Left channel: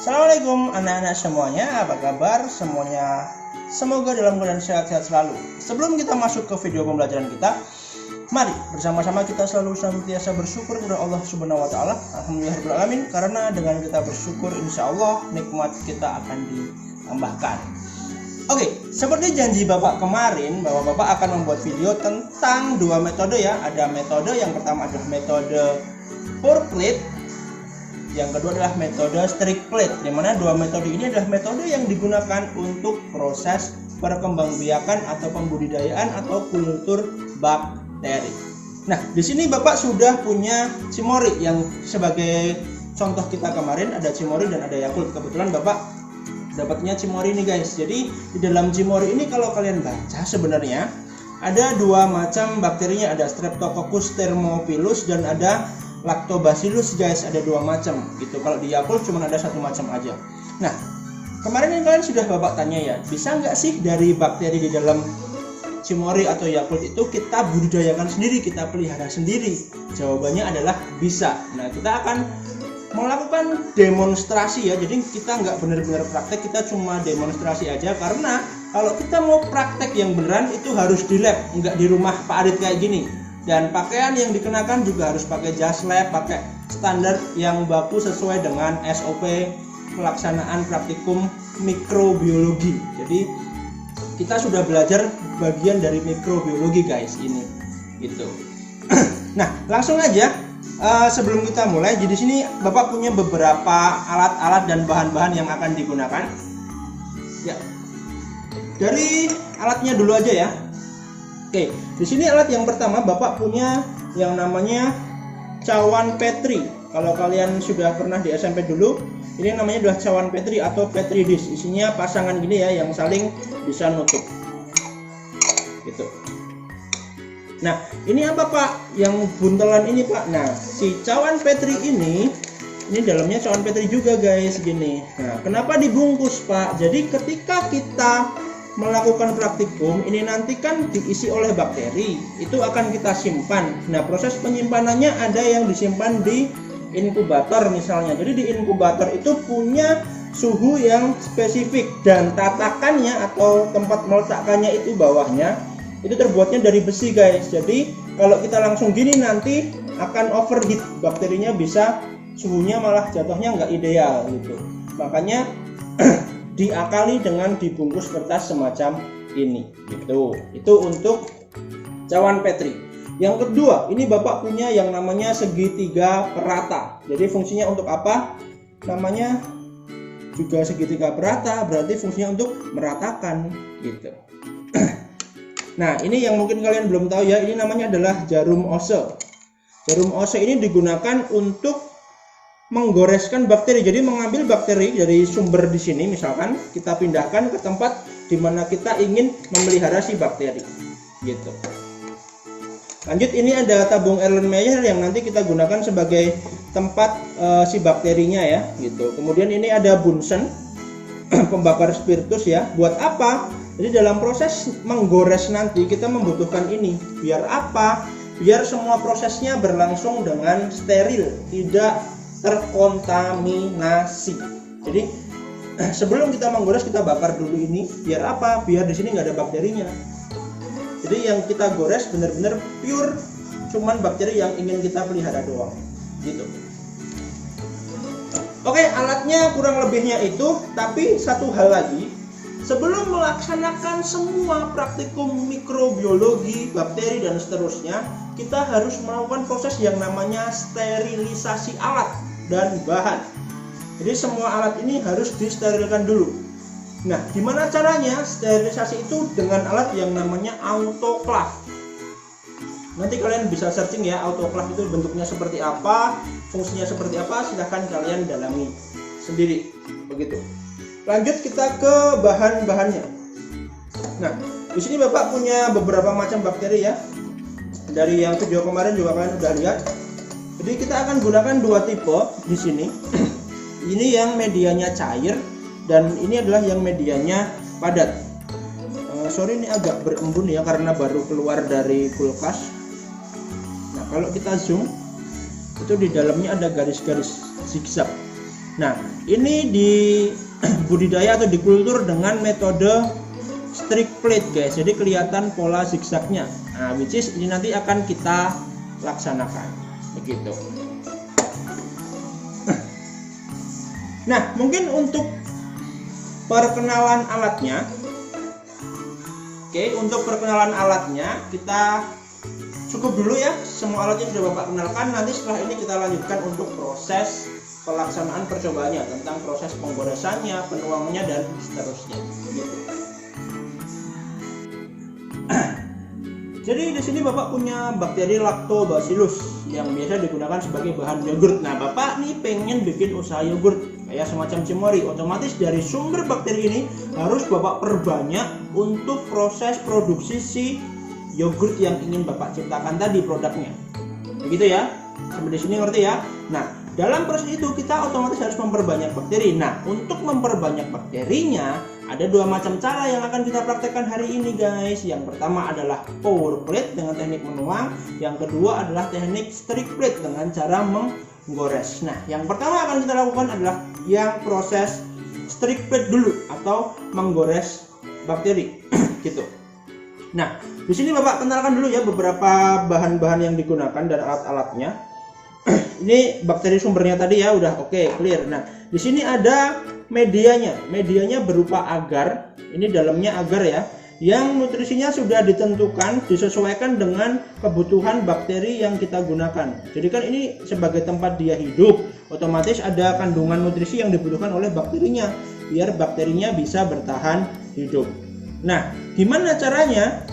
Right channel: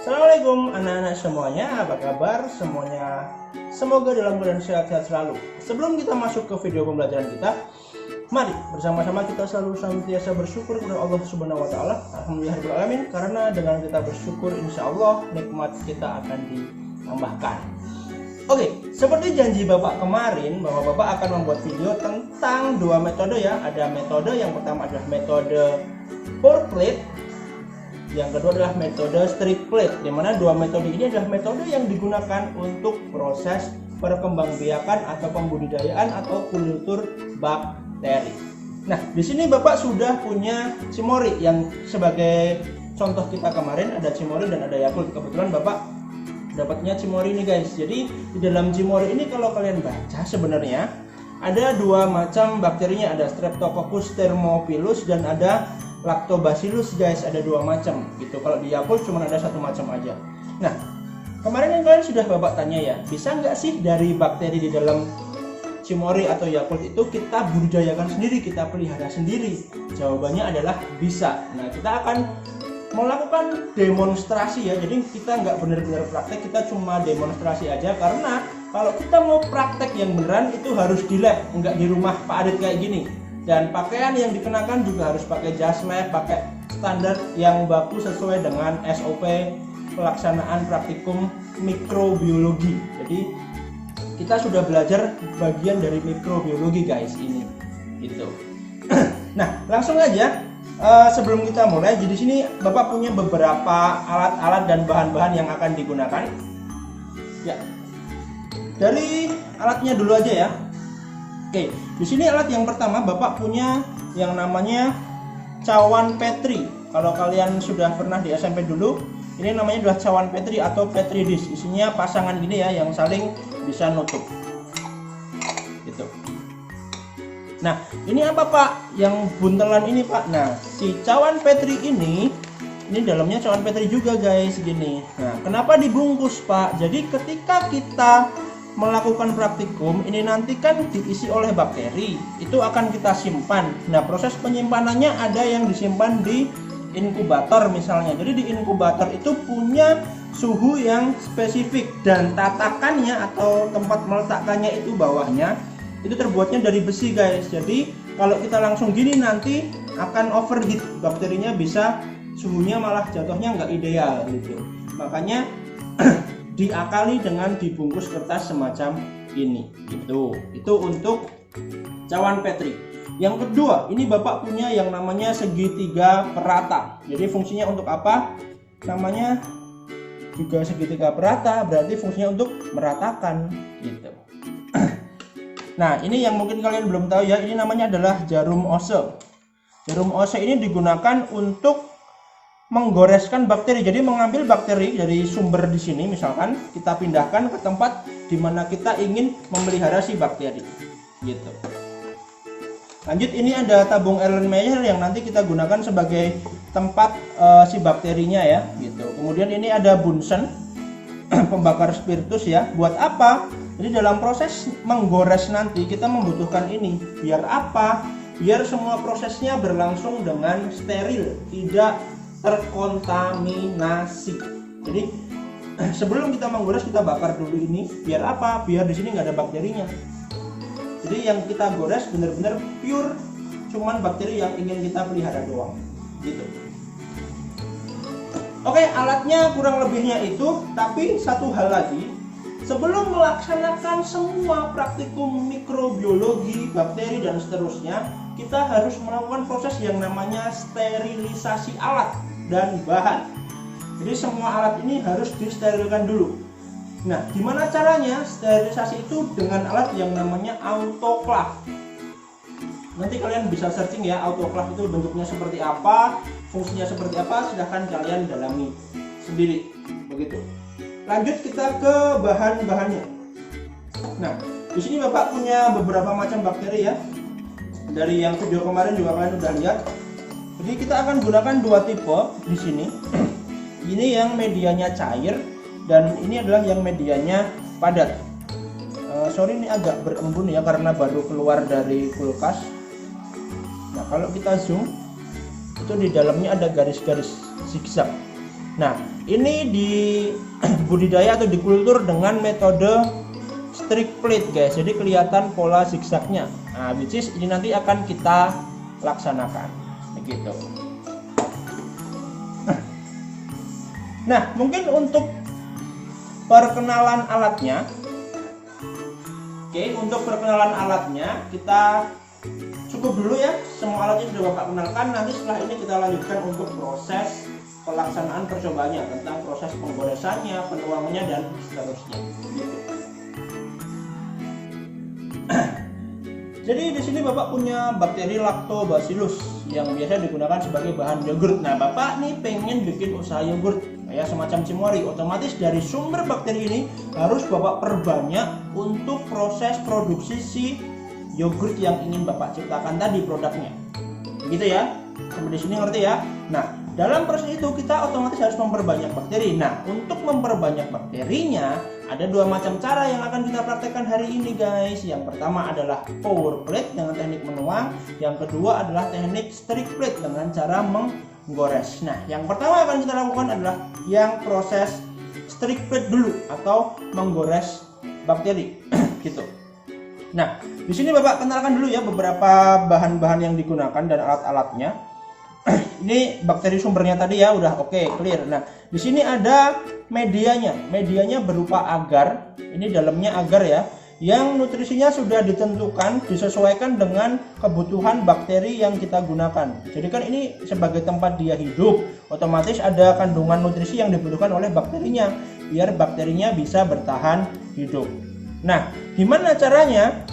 Assalamualaikum anak-anak semuanya, apa kabar semuanya? Semoga dalam keadaan sehat-sehat selalu. Sebelum kita masuk ke video pembelajaran kita, mari bersama-sama kita selalu senantiasa bersyukur kepada Allah Subhanahu wa taala. Alhamdulillahirabbil alamin, karena dengan kita bersyukur insya Allah nikmat kita akan ditambahkan. Oke, seperti janji Bapak kemarin bahwa Bapak akan membuat video tentang dua metode ya. Ada metode yang pertama adalah metode pour plate, yang kedua adalah metode strict plate, di mana dua metode ini adalah metode yang digunakan untuk proses perkembangbiakan atau pembudidayaan atau kultur bakteri. Nah, di sini Bapak sudah punya Cimory yang sebagai contoh kita kemarin, ada Cimory dan ada Yakult. Kebetulan Bapak dapatnya Cimory nih guys. Jadi di dalam Cimory ini kalau kalian baca sebenarnya ada dua macam bakterinya, ada Streptococcus thermophilus dan ada Lactobacillus guys, ada dua macam gitu. Kalau di Yakult cuma ada satu macam aja. Nah, kemarin yang kalian sudah Bapak tanya ya, bisa nggak sih dari bakteri di dalam Cimory atau Yakult itu kita budidayakan sendiri, kita pelihara sendiri? Jawabannya adalah bisa. Nah, kita akan melakukan demonstrasi ya. Jadi kita nggak benar-benar praktek, kita cuma demonstrasi aja. Karena kalau kita mau praktek yang beneran itu harus di lab, nggak di rumah Pak Adit kayak gini. Dan pakaian yang dikenakan juga harus pakai jas lab, pakai standar yang baku sesuai dengan SOP pelaksanaan praktikum mikrobiologi. Jadi kita sudah belajar bagian dari mikrobiologi guys ini gitu. Nah, langsung aja sebelum kita mulai, jadi sini Bapak punya beberapa alat-alat dan bahan-bahan yang akan digunakan. Ya. Dari alatnya dulu aja ya. Oke, di sini alat yang pertama Bapak punya yang namanya cawan Petri. Kalau kalian sudah pernah di SMP dulu, ini namanya adalah cawan Petri atau Petri dish. Isinya pasangan gini ya, yang saling bisa nutup. Gitu. Nah, ini apa Pak? Yang buntelan ini Pak. Nah, si cawan Petri ini dalamnya cawan Petri juga guys, gini. Nah, kenapa dibungkus Pak? Jadi ketika kita melakukan praktikum ini nanti kan diisi oleh bakteri, itu akan kita simpan. Nah, proses penyimpanannya ada yang disimpan di inkubator misalnya. Jadi di inkubator itu punya suhu yang spesifik dan tatakannya atau tempat meletakkannya itu bawahnya itu terbuatnya dari besi guys. Jadi kalau kita langsung gini nanti akan overheat, bakterinya bisa suhunya malah jatuhnya nggak ideal gitu. Makanya diakali dengan dibungkus kertas semacam ini gitu. Itu untuk cawan Petri. Yang kedua, ini Bapak punya yang namanya segitiga perata. Jadi fungsinya untuk apa? Namanya juga segitiga perata, berarti fungsinya untuk meratakan gitu. Nah, ini yang mungkin kalian belum tahu ya, ini namanya adalah jarum ose. Jarum ose ini digunakan untuk menggoreskan bakteri. Jadi mengambil bakteri dari sumber di sini, misalkan kita pindahkan ke tempat di mana kita ingin memelihara si bakteri gitu. Lanjut, ini ada tabung Erlenmeyer yang nanti kita gunakan sebagai tempat si bakterinya ya gitu. Kemudian ini ada Bunsen pembakar spiritus ya. Buat apa? Jadi dalam proses menggores nanti kita membutuhkan ini. Biar apa? Biar semua prosesnya berlangsung dengan steril, tidak terkontaminasi. Jadi sebelum kita menggores kita bakar dulu ini. Biar apa? Biar di sini nggak ada bakterinya. Jadi yang kita gores benar-benar pure, cuman bakteri yang ingin kita pelihara doang. Gitu. Oke, alatnya kurang lebihnya itu. Tapi satu hal lagi, sebelum melaksanakan semua praktikum mikrobiologi, bakteri dan seterusnya, kita harus melakukan proses yang namanya sterilisasi alat dan bahan. Jadi semua alat ini harus disterilkan dulu. Nah, gimana caranya? Sterilisasi itu dengan alat yang namanya autoclave. Nanti kalian bisa searching ya, autoclave itu bentuknya seperti apa, fungsinya seperti apa, silahkan kalian dalami sendiri. Begitu. Lanjut kita ke bahan-bahannya. Nah, di sini Bapak punya beberapa macam bakteri ya. Dari yang video kemarin juga kalian udah lihat. Jadi kita akan gunakan dua tipe di sini. Ini yang medianya cair dan ini adalah yang medianya padat. Sorry ini agak berembun ya karena baru keluar dari kulkas. Nah, kalau kita zoom itu di dalamnya ada garis-garis zigzag. Nah, ini di budidaya atau dikultur dengan metode strict plate guys. Jadi kelihatan pola zigzagnya. Nah, which is ini nanti akan kita laksanakan begitu. Nah, mungkin untuk perkenalan alatnya. Oke, untuk perkenalan alatnya kita cukup dulu ya. Semua alatnya sudah Bapak kenalkan. Nanti setelah ini kita lanjutkan untuk proses pelaksanaan percobaannya, tentang proses penggoresannya, penuangannya dan seterusnya. Jadi di sini Bapak punya bakteri Lactobacillus yang biasa digunakan sebagai bahan yogurt. Nah, Bapak nih pengen bikin usaha yogurt kayak semacam Cimory. Otomatis dari sumber bakteri ini harus Bapak perbanyak untuk proses produksi si yogurt yang ingin Bapak ciptakan tadi produknya. Begitu ya? Sampai di sini ngerti ya? Nah, dalam proses itu kita otomatis harus memperbanyak bakteri. Nah, untuk memperbanyak bakterinya ada dua macam cara yang akan kita praktekkan hari ini guys. Yang pertama adalah pour plate dengan teknik menuang. Yang kedua adalah teknik strict plate dengan cara menggores. Nah, yang pertama yang akan kita lakukan adalah yang proses strict plate dulu atau menggores bakteri gitu. Nah, di sini Bapak kenalkan dulu ya beberapa bahan-bahan yang digunakan dan alat-alatnya. Ini bakteri sumbernya tadi ya, udah oke, clear. Nah, di sini ada medianya. Medianya berupa agar. Ini dalamnya agar ya, yang nutrisinya sudah ditentukan, disesuaikan dengan kebutuhan bakteri yang kita gunakan. Jadi kan ini sebagai tempat dia hidup, otomatis ada kandungan nutrisi yang dibutuhkan oleh bakterinya biar bakterinya bisa bertahan hidup. Nah, gimana caranya?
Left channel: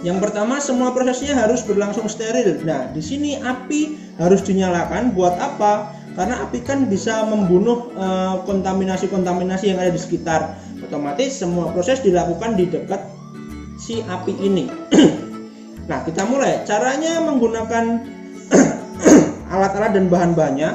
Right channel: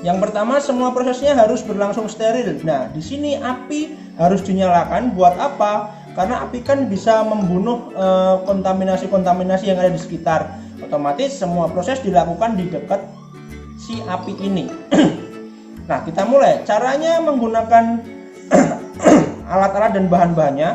Yang pertama, semua prosesnya harus berlangsung steril. Nah, di sini api harus dinyalakan. Buat apa? Karena api kan bisa membunuh kontaminasi-kontaminasi yang ada di sekitar. Otomatis semua proses dilakukan di dekat si api ini. Nah, kita mulai. Caranya menggunakan alat-alat dan bahan-bahannya.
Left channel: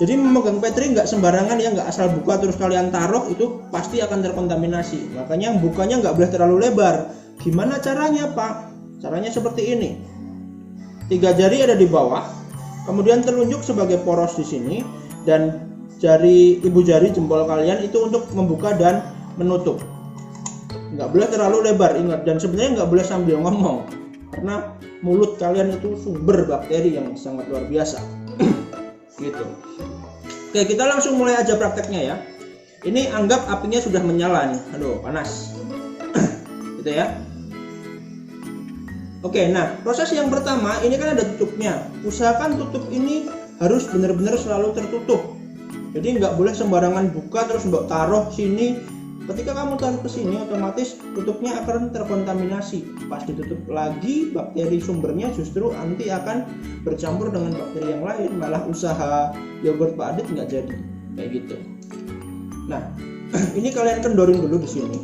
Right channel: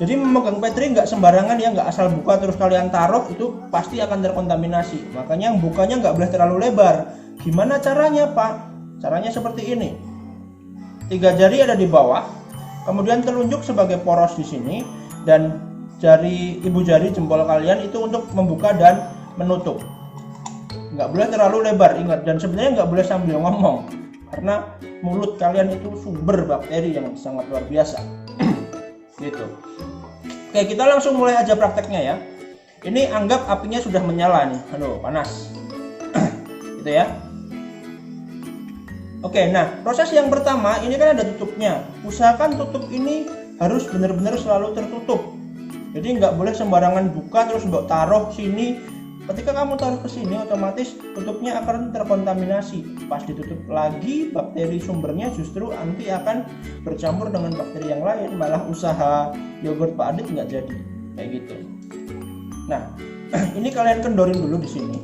Jadi memegang petri nggak sembarangan ya, nggak asal buka terus kalian taruh, itu pasti akan terkontaminasi. Makanya bukanya nggak boleh terlalu lebar. Gimana caranya Pak? Caranya seperti ini. 3 jari ada di bawah, kemudian telunjuk sebagai poros di sini, dan jari ibu jari jempol kalian itu untuk membuka dan menutup. Nggak boleh terlalu lebar, ingat. Dan sebenarnya nggak boleh sambil ngomong, karena mulut kalian itu sumber bakteri yang sangat luar biasa. Gitu. Oke, kita langsung mulai aja prakteknya ya. Ini anggap apinya sudah menyala nih. Aduh, panas. Gitu ya. Oke, nah proses yang pertama ini kan ada tutupnya. Usahakan tutup ini harus benar-benar selalu tertutup. Jadi nggak boleh sembarangan buka terus mbok taruh sini. Ketika kamu taruh ke sini, otomatis tutupnya akan terkontaminasi. Pas ditutup lagi, bakteri sumbernya justru nanti akan bercampur dengan bakteri yang lain, malah usaha yogurt Pak Adit nggak jadi. Kayak gitu. Nah, ini kalian kendorin dulu di sini.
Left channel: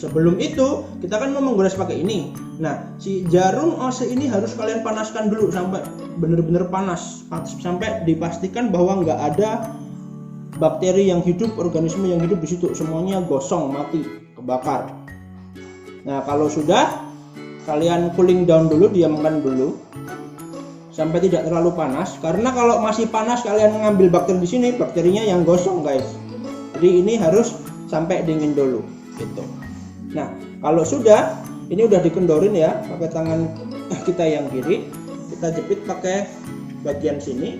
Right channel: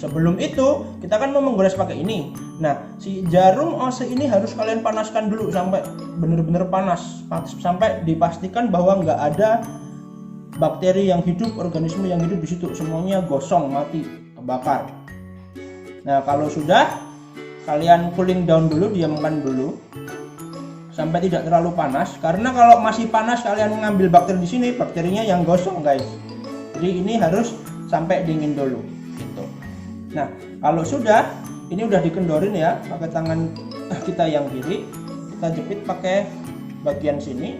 Sebelum itu kita kan mau menggores pakai ini. Nah, si jarum OC ini harus kalian panaskan dulu sampai benar-benar panas, sampai dipastikan bahwa nggak ada bakteri yang hidup, organisme yang hidup di situ, semuanya gosong, mati, kebakar. Nah, kalau sudah, kalian cooling down dulu, diamkan dulu sampai tidak terlalu panas. Karena kalau masih panas kalian ngambil bakteri di sini, bakterinya yang gosong guys. Jadi ini harus sampai dingin dulu gitu. Nah, kalau sudah, ini udah dikendorin ya, pakai tangan kita yang kiri, kita jepit pakai bagian sini.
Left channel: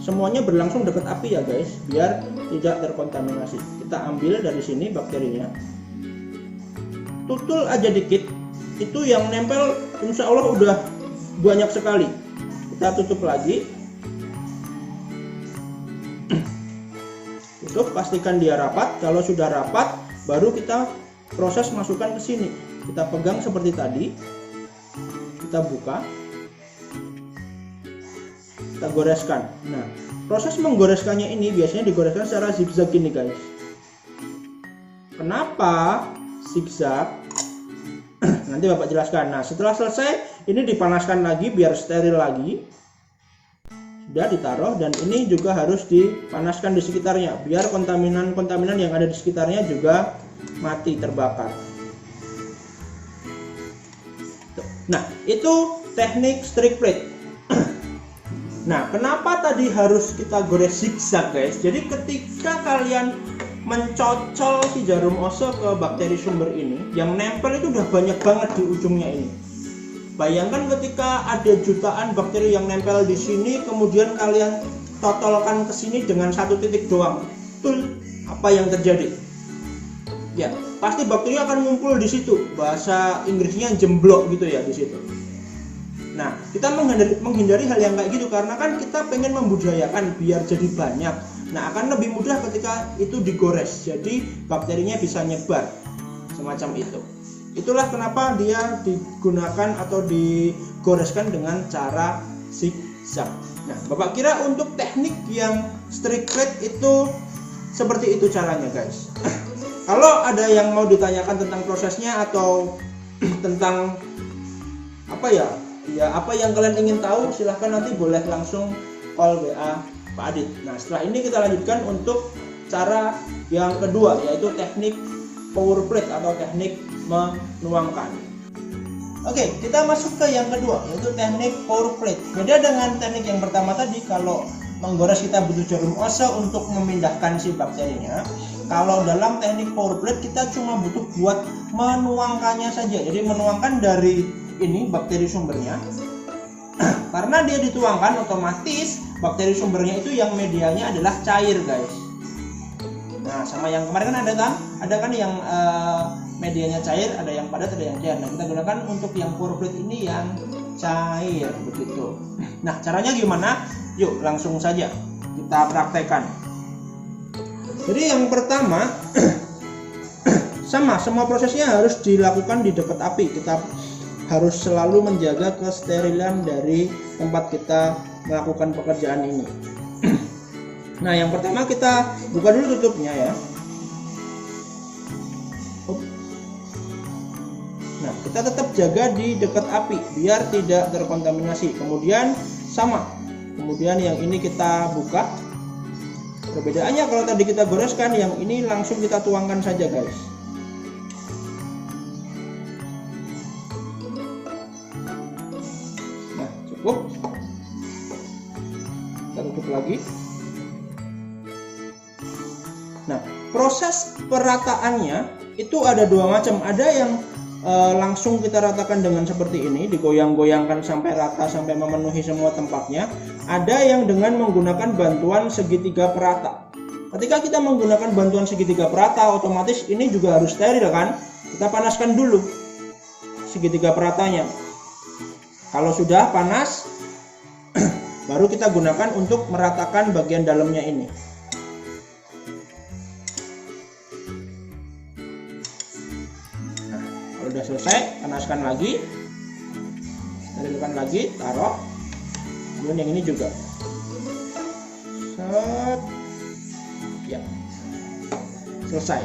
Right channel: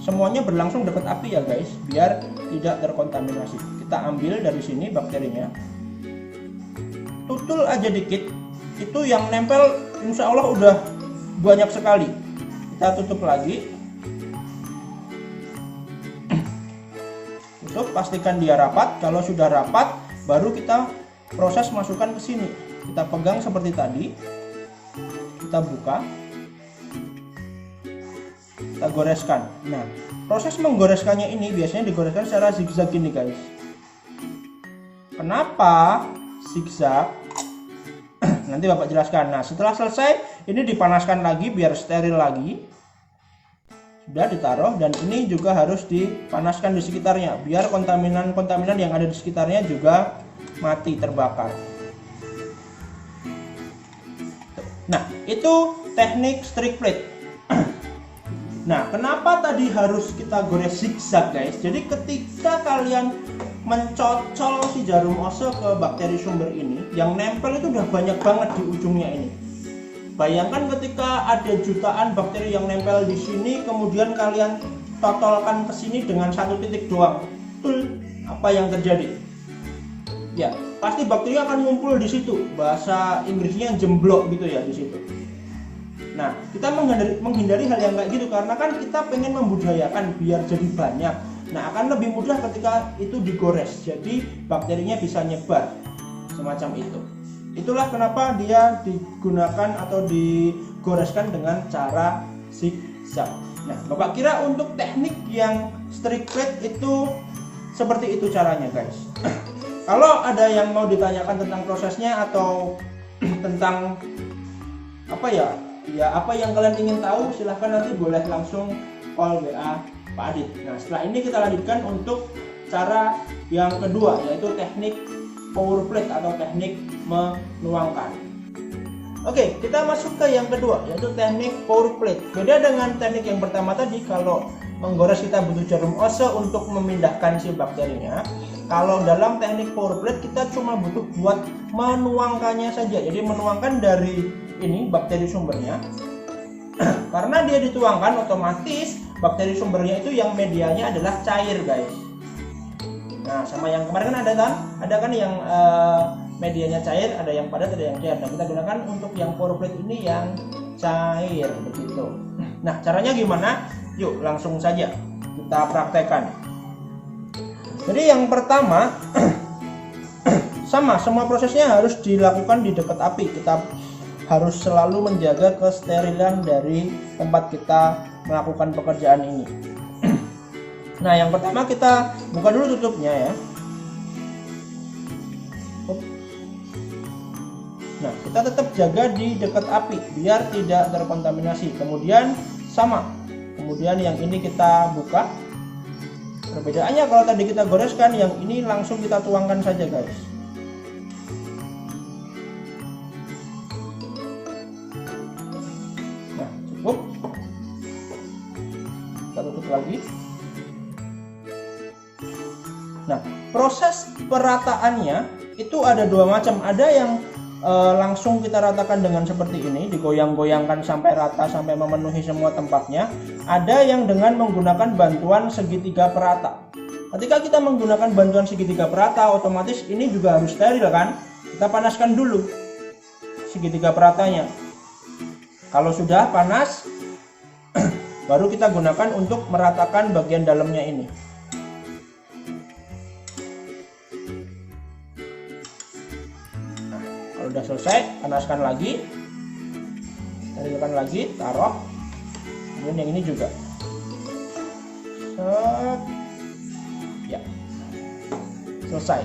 Semuanya berlangsung dekat api ya guys, biar tidak terkontaminasi. Kita ambil dari sini bakterinya, tutul aja dikit, itu yang nempel insya Allah udah banyak sekali. Kita tutup lagi, tutup, pastikan dia rapat. Kalau sudah rapat, baru kita proses masukkan ke sini. Kita pegang seperti tadi, kita buka, kita goreskan. Nah, proses menggoreskannya ini biasanya digoreskan secara zigzag gini guys. Kenapa zigzag? Nanti Bapak jelaskan. Nah, setelah selesai ini dipanaskan lagi biar steril lagi. Sudah ditaruh, dan ini juga harus dipanaskan di sekitarnya biar kontaminan-kontaminan yang ada di sekitarnya juga mati, terbakar. Nah, itu teknik strict plate. Nah, kenapa tadi harus kita gores zigzag guys? Jadi ketika kalian mencocol si jarum oso ke bakteri sumber ini, yang nempel itu udah banyak banget di ujungnya ini. Bayangkan ketika ada jutaan bakteri yang nempel di sini, kemudian kalian totolkan ke sini dengan satu titik doang. Betul, apa yang terjadi? Ya, pasti bakteri akan ngumpul di situ. Bahasa Inggrisnya jemblok gitu ya di situ. Nah, kita menghindari hal yang kayak gitu karena kan kita pengen membudidayakan biar jadi banyak. Nah, akan lebih mudah ketika itu digores. Jadi bakterinya bisa nyebar semacam itu. Itulah kenapa dia digunakan atau digoreskan dengan cara zigzag. Nah, Bapak kira untuk teknik yang strict plate itu seperti itu caranya, guys. Kalau ada yang mau ditanyakan tentang prosesnya atau tentang apa ya apa yang kalian ingin tahu, silahkan nanti boleh langsung call WA Pak Adit. Nah, setelah ini kita lanjutkan untuk cara yang kedua, yaitu teknik pour plate atau teknik menuangkan. Oke, kita masuk ke yang kedua, yaitu teknik pour plate. Beda dengan teknik yang pertama tadi, kalau menggores kita butuh jarum oso untuk memindahkan si bakterinya. Kalau dalam teknik pour plate kita cuma butuh buat menuangkannya saja. Jadi menuangkan dari ini bakteri sumbernya. Karena dia dituangkan, otomatis bakteri sumbernya itu yang medianya adalah cair, guys. Nah, sama yang kemarin kan ada kan yang medianya cair, ada yang padat, ada yang cair. Nah, kita gunakan untuk yang pour plate ini yang cair begitu. Nah, caranya gimana? Yuk langsung saja kita praktekkan. Jadi yang pertama semua prosesnya harus dilakukan di dekat api. Kita harus selalu menjaga kesterilan dari tempat kita melakukan pekerjaan ini. Nah, yang pertama kita buka dulu tutupnya ya. Nah, kita tetap jaga di dekat api biar tidak terkontaminasi. Kemudian kemudian yang ini kita buka. Perbedaannya kalau tadi kita goreskan, yang ini langsung kita tuangkan saja, guys. Nah, cukup. Kita tutup lagi. Nah, proses perataannya itu ada dua macam. Ada yang langsung kita ratakan dengan seperti ini, digoyang-goyangkan sampai rata, sampai memenuhi semua tempatnya. Ada yang dengan menggunakan bantuan segitiga perata. Ketika kita menggunakan bantuan segitiga perata, otomatis ini juga harus steril kan. Kita panaskan dulu segitiga peratanya. Kalau sudah panas, baru kita gunakan untuk meratakan bagian dalamnya ini. Sudah selesai, panaskan lagi, panaskan lagi, taruh. Kemudian yang ini juga. Set. Ya. Selesai.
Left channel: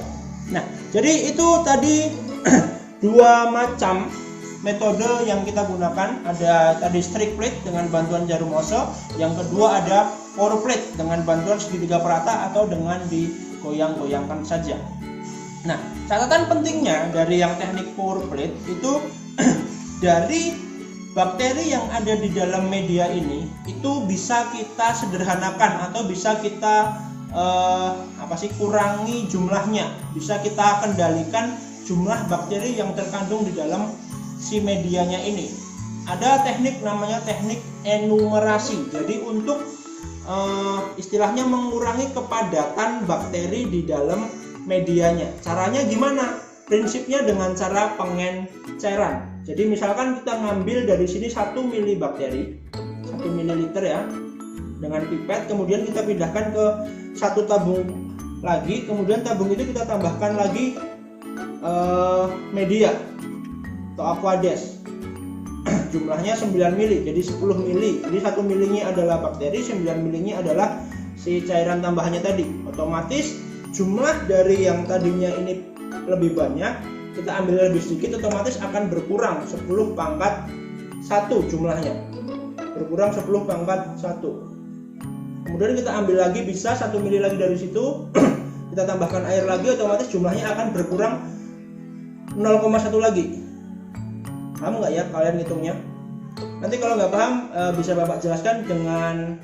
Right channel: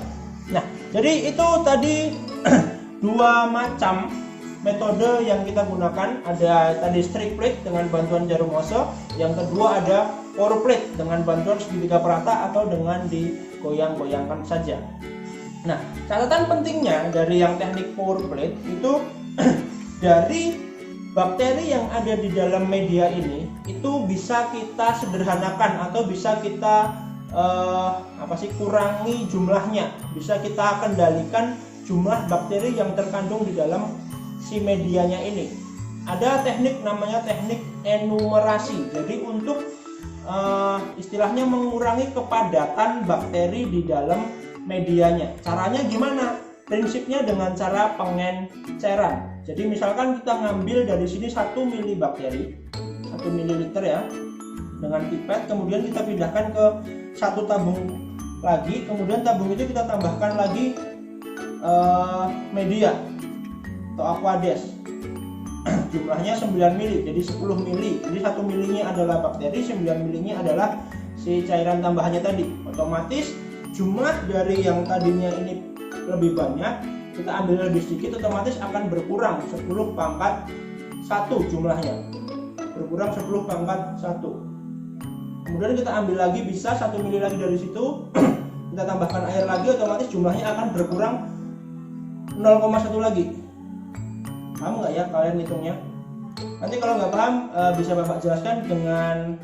Nah, jadi itu tadi dua macam metode yang kita gunakan. Ada tadi strict plate dengan bantuan jarum oso, yang kedua ada pour plate dengan bantuan segitiga perata atau dengan digoyang-goyangkan saja. Nah, catatan pentingnya dari yang teknik pour plate itu dari bakteri yang ada di dalam media ini itu bisa kita sederhanakan atau bisa kita kurangi jumlahnya, bisa kita kendalikan jumlah bakteri yang terkandung di dalam si medianya ini. Ada teknik namanya teknik enumerasi. Jadi untuk istilahnya mengurangi kepadatan bakteri di dalam medianya. Caranya gimana? Prinsipnya dengan cara pengenceran. Jadi misalkan kita ngambil dari sini 1 mili bakteri, 1 mililiter ya, dengan pipet, kemudian kita pindahkan ke satu tabung lagi, kemudian tabung itu kita tambahkan lagi media atau aquades. Jumlahnya 9 mili, jadi 10 mili. Jadi 1 milinya adalah bakteri, 9 milinya adalah si cairan tambahannya tadi. Otomatis jumlah dari yang tadinya ini lebih banyak, kita ambil lebih sedikit, otomatis akan berkurang 10 pangkat 1 jumlahnya. Berkurang 10 pangkat 1. Kemudian kita ambil lagi, bisa 1 mili lagi dari situ, kita tambahkan air lagi, otomatis jumlahnya akan berkurang 0,1 lagi. Paham nggak ya kalian hitungnya? Nanti kalau nggak paham bisa Bapak jelaskan dengan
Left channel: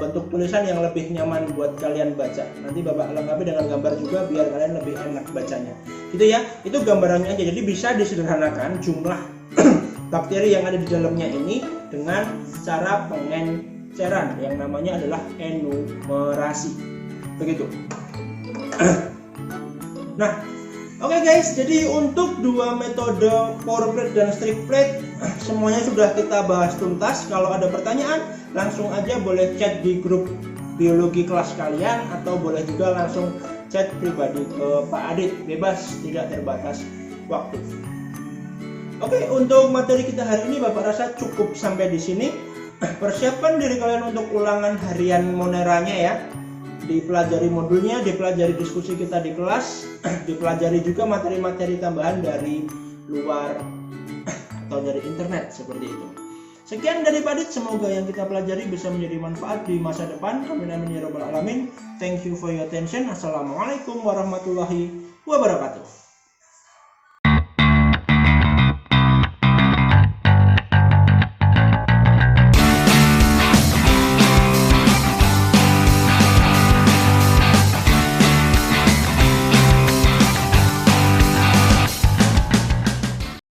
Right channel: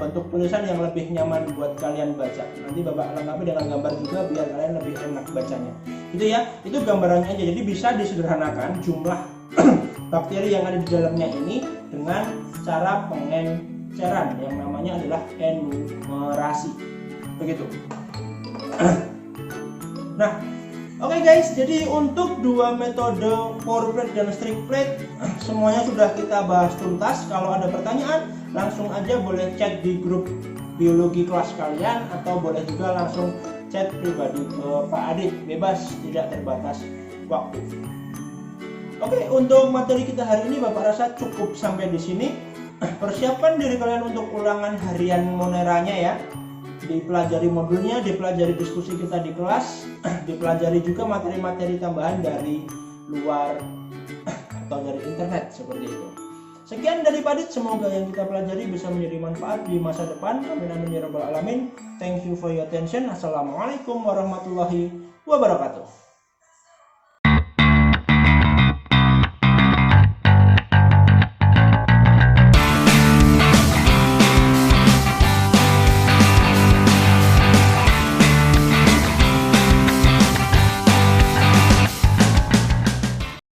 bentuk tulisan yang lebih nyaman buat kalian baca. Nanti Bapak lengkapi dengan gambar juga biar kalian lebih enak bacanya. Gitu ya, itu gambarannya aja. Jadi bisa disederhanakan jumlah bakteri yang ada di dalamnya ini dengan cara pengenceran yang namanya adalah enumerasi. Begitu. Nah, oke guys, jadi untuk dua metode pour plate dan strip plate semuanya sudah kita bahas tuntas. Kalau ada pertanyaan langsung aja boleh chat di grup biologi kelas kalian atau boleh juga langsung chat pribadi ke Pak Adit, bebas, tidak terbatas waktu. Oke, untuk materi kita hari ini Bapak rasa cukup sampai di sini. Persiapan diri kalian untuk ulangan harian Moneranya ya. Dipelajari modulnya, dipelajari diskusi kita di kelas, dipelajari juga materi-materi tambahan dari luar atau dari internet seperti itu. Sekian dari Pak Adit, semoga yang kita pelajari bisa menjadi manfaat di masa depan. Amin amin ya rabbal alamin. Thank you for your attention. Assalamualaikum warahmatullahi wabarakatuh.